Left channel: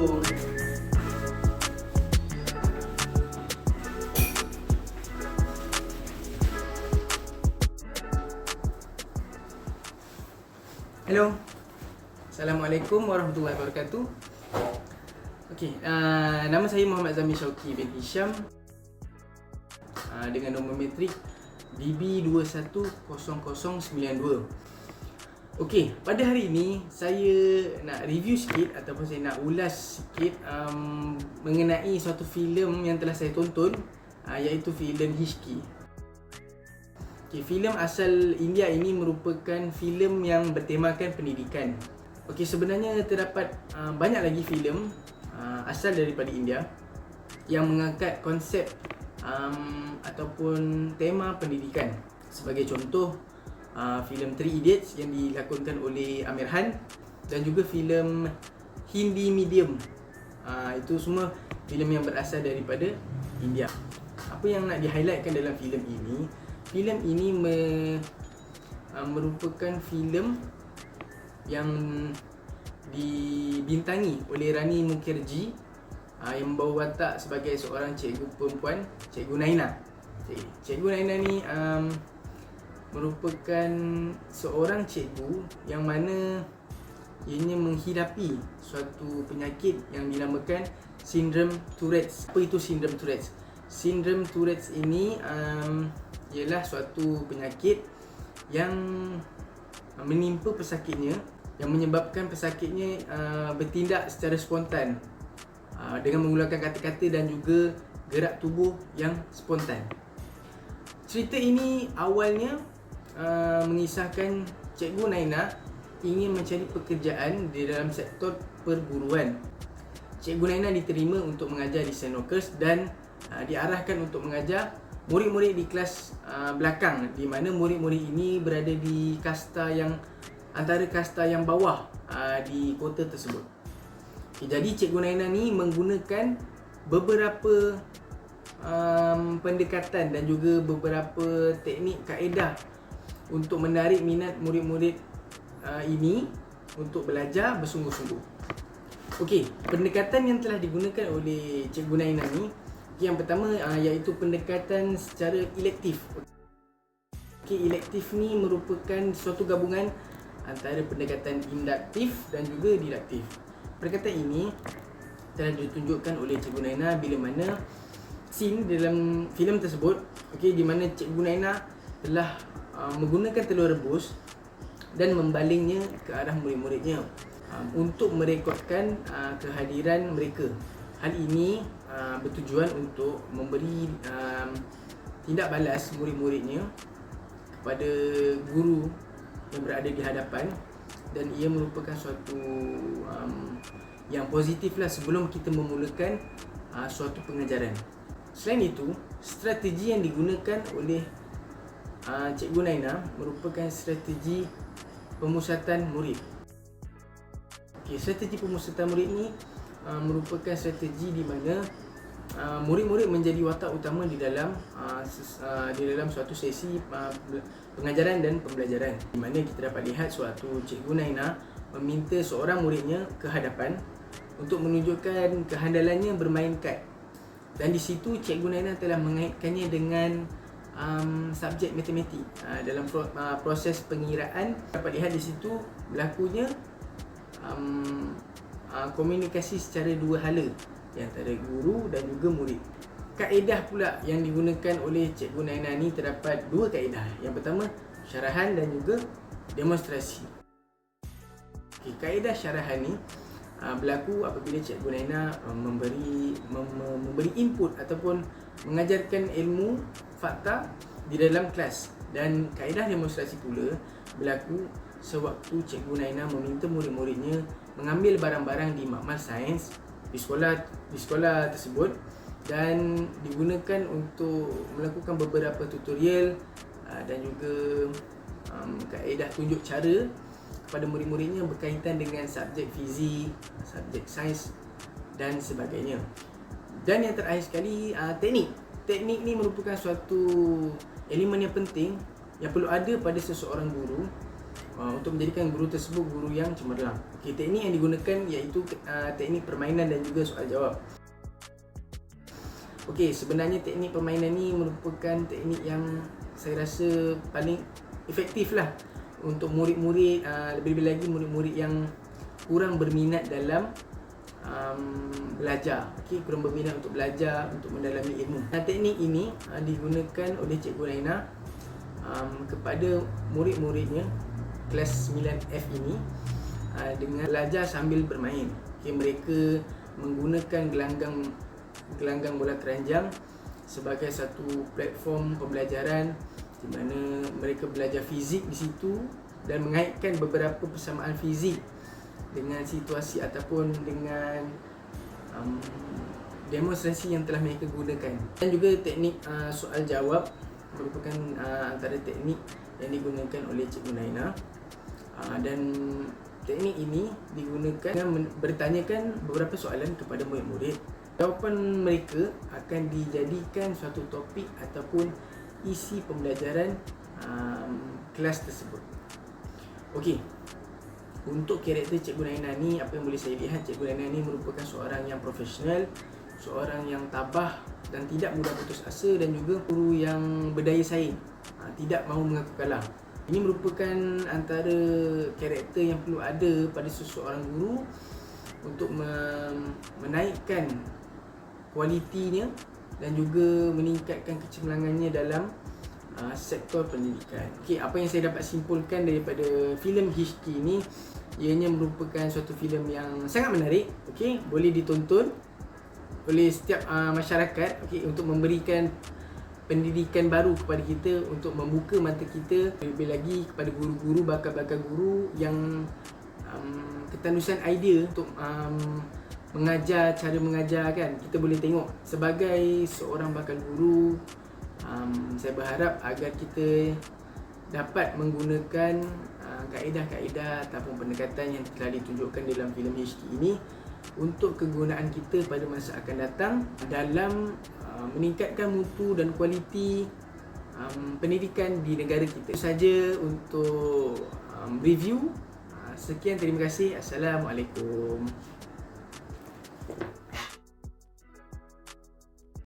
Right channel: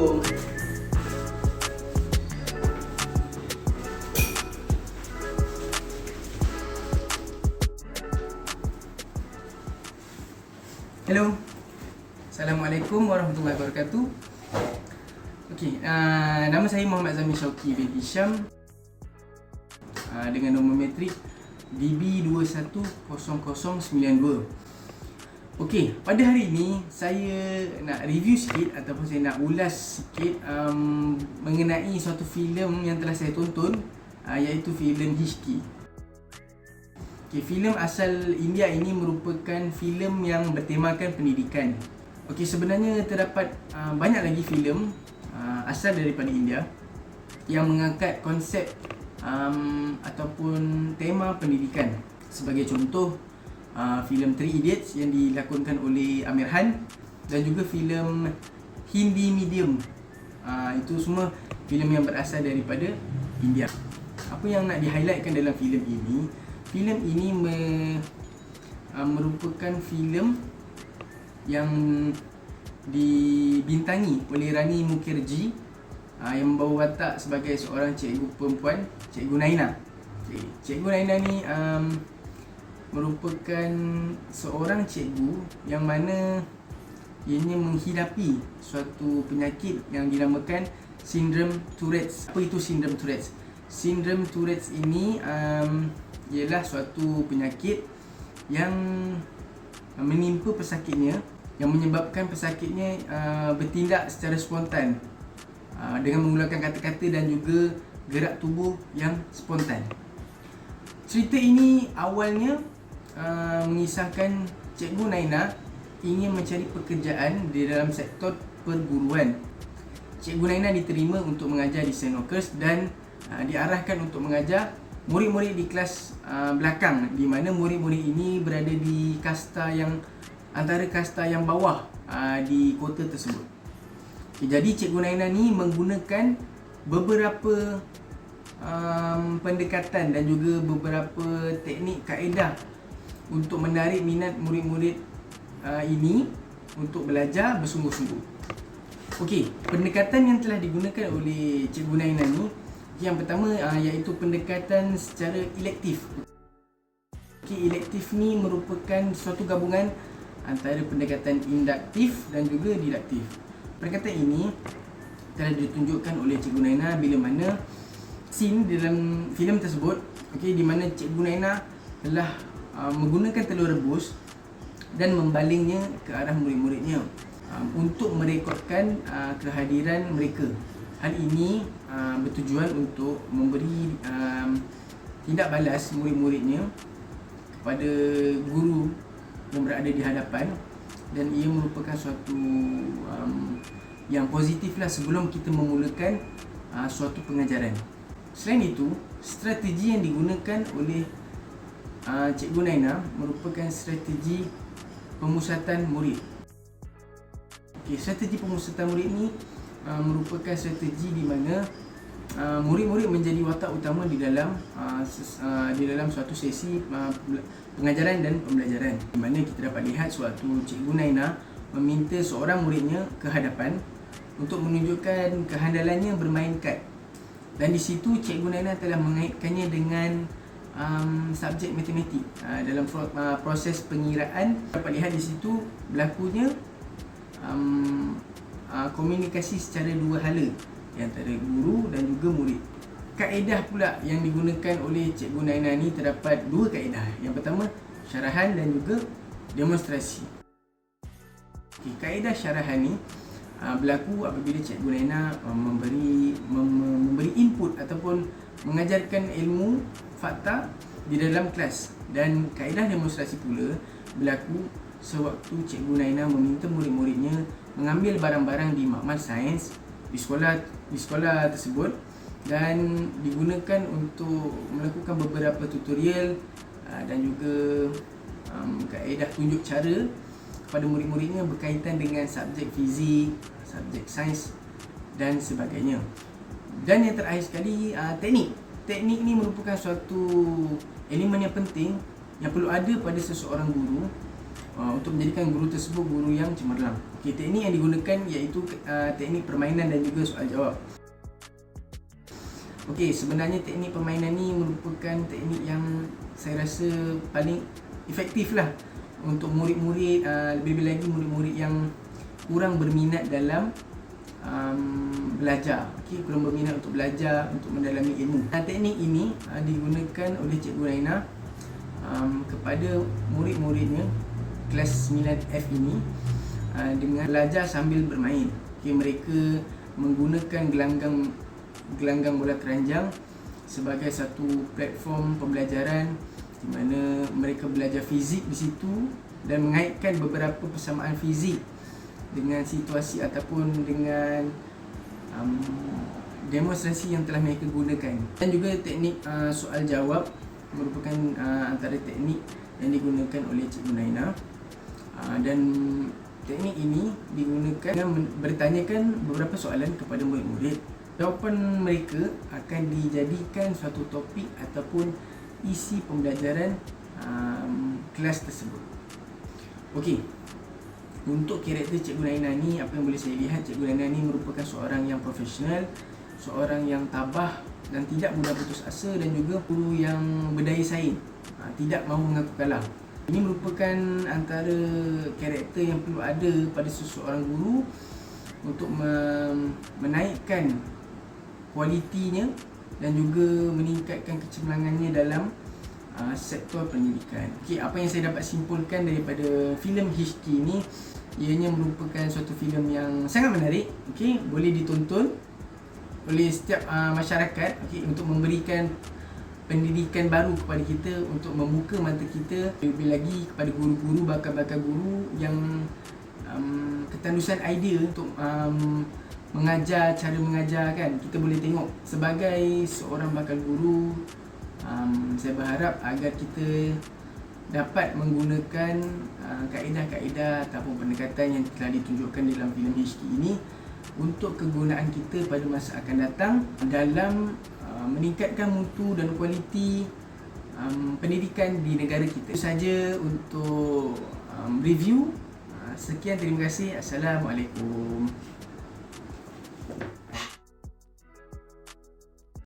Assalamualaikum. Hello. Assalamualaikum warahmatullahi wabarakatuh. Okey, nama saya Muhammad Zamir Syauqi bin Hisham, dengan nombor metrik DB210092. Okey, pada hari ini saya nak review sikit ataupun saya nak ulas sikit mengenai suatu filem yang telah saya tonton, iaitu filem Hishki. Okay, filem asal India ini merupakan filem yang bertemakan pendidikan. Okey, sebenarnya terdapat banyak lagi filem asal daripada India yang mengangkat konsep ataupun tema pendidikan. Sebagai contoh, filem Three Idiots yang dilakonkan oleh Amir Khan, dan juga filem Hindi Medium. Itu semua filem yang berasal daripada India. Apa yang nak di-highlightkan dalam filem ini? Filem ini merupakan filem yang dibintangi oleh Rani Mukherjee, yang membawa watak sebagai seorang cikgu perempuan, Cikgu Naina. Cikgu Naina ni merupakan seorang cikgu yang mana ianya menghidapi suatu penyakit yang dinamakan sindrom Tourette's. Apa itu sindrom Tourette's? Sindrom Tourette's ini ialah suatu penyakit yang menimpa pesakitnya, yang menyebabkan pesakitnya bertindak secara spontan dengan menggunakan kata-kata dan juga gerak tubuh yang spontan. Cerita ini awalnya mengisahkan Cikgu Naina ingin mencari pekerjaan di dalam sektor perguruan. Cikgu Naina diterima untuk mengajar di St. Ockers dan diarahkan untuk mengajar murid-murid di kelas belakang, di mana murid-murid ini berada di kasta yang antara kasta yang bawah di kota tersebut. Okay, jadi Cikgu Naina ni menggunakan beberapa pendekatan dan juga beberapa teknik kaedah untuk menarik minat murid-murid ini untuk belajar bersungguh-sungguh. Okey, pendekatan yang telah digunakan oleh Cikgu Naina ni, yang pertama iaitu pendekatan secara elektif. Okey, elektif ni merupakan suatu gabungan antara pendekatan induktif dan juga diduktif. Pendekatan ini telah ditunjukkan oleh Cikgu Naina bila mana scene dalam filem tersebut, okey, di mana Cikgu Naina telah menggunakan telur rebus dan membalingnya ke arah murid-muridnya untuk merekodkan kehadiran mereka. Hal ini bertujuan untuk memberi tindak balas murid-muridnya kepada guru yang berada di hadapan, dan ia merupakan suatu yang positif lah sebelum kita memulakan suatu pengajaran. Selain itu, strategi yang digunakan oleh Cikgu Naina merupakan strategi pemusatan murid. Okay, strategi pemusatan murid ini merupakan strategi di mana murid-murid menjadi watak utama di dalam suatu sesi pengajaran dan pembelajaran, di mana kita dapat lihat suatu Cikgu Naina meminta seorang muridnya ke hadapan untuk menunjukkan kehandalannya bermain kad, dan di situ Cikgu Naina telah mengaitkannya dengan subjek matematik. Dalam proses pengiraan dapat lihat di situ berlakunya komunikasi secara dua hala di antara guru dan juga murid. Kaedah pula yang digunakan oleh Cikgu Naina ni terdapat dua kaedah. Yang pertama, syarahan dan juga demonstrasi. Okay, kaedah syarahan ni berlaku apabila Cikgu Naina memberi input ataupun mengajarkan ilmu fakta di dalam kelas, dan kaedah demonstrasi pula berlaku sewaktu Cikgu Naina meminta murid-muridnya mengambil barang-barang di makmal sains di sekolah tersebut, dan digunakan untuk melakukan beberapa tutorial dan juga kaedah tunjuk cara kepada murid-muridnya berkaitan dengan subjek fizik, subjek sains dan sebagainya. Dan yang terakhir sekali, teknik. Teknik ni merupakan suatu elemen yang penting yang perlu ada pada seseorang guru untuk menjadikan guru tersebut guru yang cemerlang. Okey, teknik yang digunakan iaitu teknik permainan dan juga soal jawab. Okey, sebenarnya teknik permainan ni merupakan teknik yang saya rasa paling efektif lah untuk murid-murid, lebih-lebih lagi murid-murid yang kurang berminat dalam belajar. Okey, kurang berminat untuk belajar, untuk mendalami ilmu. Teknik ini digunakan oleh Cikgu Raina kepada murid-muridnya kelas 9F ini dengan belajar sambil bermain. Okay, mereka menggunakan gelanggang bola keranjang sebagai satu platform pembelajaran di mana mereka belajar fizik di situ dan mengaitkan beberapa persamaan fizik dengan situasi ataupun dengan demonstrasi yang telah mereka gunakan. Dan juga teknik soal jawab merupakan antara teknik yang digunakan oleh Cikgu Naina. Dan teknik ini digunakan dengan bertanyakan beberapa soalan kepada murid-murid. Jawapan mereka akan dijadikan suatu topik ataupun isi pembelajaran kelas tersebut. Okey, untuk karakter Cikgu Naina ni, apa yang boleh saya lihat, Cikgu Naina ni merupakan seorang yang profesional, seorang yang tabah dan tidak mudah putus asa, dan juga guru yang berdaya saing, tidak mahu mengaku kalah. Ini merupakan antara karakter yang perlu ada pada seseorang guru untuk menaikkan kualitinya dan juga meningkatkan kecemerlangannya dalam sektor pendidikan. Okey, apa yang saya dapat simpulkan daripada filem Hishki ini, ianya merupakan suatu filem yang sangat menarik. Okey, boleh ditonton oleh setiap masyarakat, okey, untuk memberikan pendidikan baru kepada kita, untuk membuka mata kita lebih lagi kepada guru-guru, bakal-bakal guru yang ketandusan idea untuk mengajar, cara mengajar kan. Kita boleh tengok sebagai seorang bakal guru, saya berharap agar kita dapat menggunakan kaedah-kaedah ataupun pendekatan yang telah ditunjukkan dalam filem Hishki ini untuk kegunaan kita pada masa akan datang dalam meningkatkan mutu dan kualiti pendidikan di negara kita. Itu saja untuk review. Sekian, terima kasih. Assalamualaikum.